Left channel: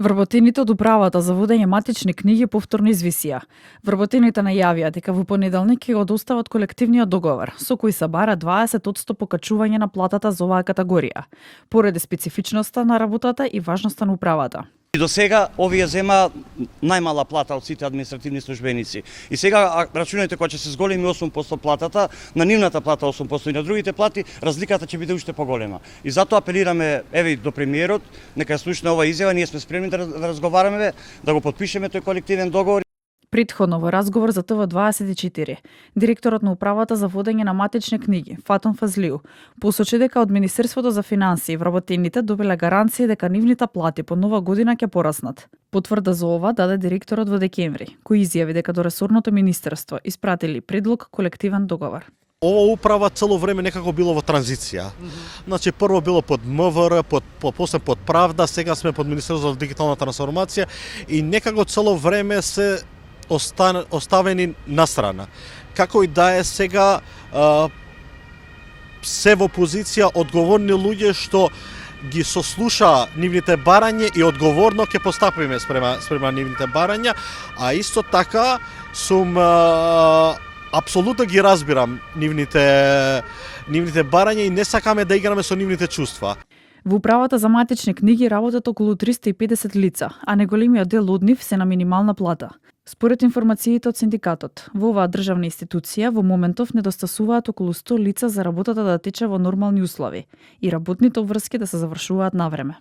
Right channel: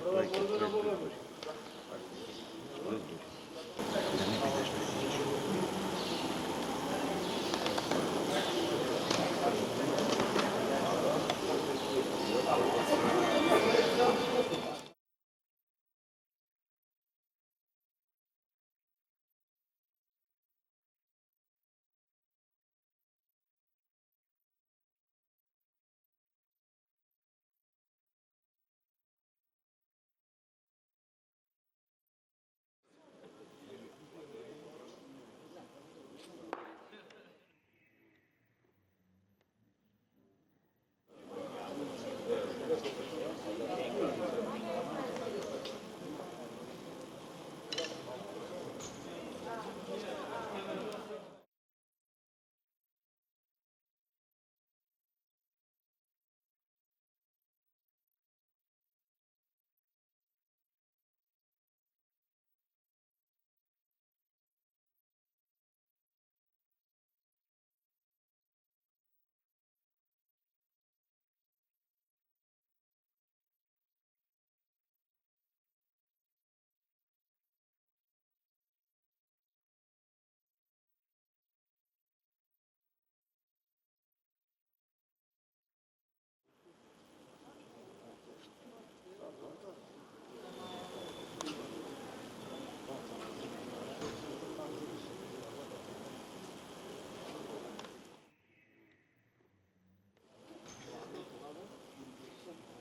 Вработените од управата за водење матични книги повторно извисија. Вработените најавија дека во понеделник ќе го достават колективниот договор, со кој се бара 20% покачување на платата за оваа категорија, поради специфичноста на работата и важноста на управата. И до сега овие зема најмала плата од сите административни службеници. И сега рачунајте кога ќе се зголеми 8% платата, на нивната плата 8% и на другите плати, разликата ќе биде уште поголема. И затоа апелираме еве до премиерот, нека ја слушне оваа изјава, ние сме спремни да разговараме, да го потпишеме тој колективен договор. Предходно во разговор за ТВ24, директорот на управата за водење на матични книги, Фатон Фазлиу, посочи дека од Министерството за финансии вработените добиле гаранција дека нивните плати по нова година ќе пораснат. Потврда за ова даде директорот во декември, кој изјави дека до ресорното министерство испратили предлог колективен договор. Ова управа цело време некако било во транзиција. Значи прво било под МВР, после под Правда, сега сме под Министерството за дигитална трансформација и некако цело време се оставени настрана. Како и да е сега се во позиција одговорни луѓе што ги сослуша нивните барања и одговорно ќе постапиме спрема нивните барања, а исто така сум апсолутно ги разбирам нивните барања и не сакаме да играме со нивните чувства. Во управата за матични книги работат околу 350 лица, а неголемиот дел од нив се на минимална плата. Според информациите од синдикатот, во оваа државна институција во моментов недостасуваат околу 100 лица за работата да тече во нормални услови и работните обврски да се завршуваат навреме.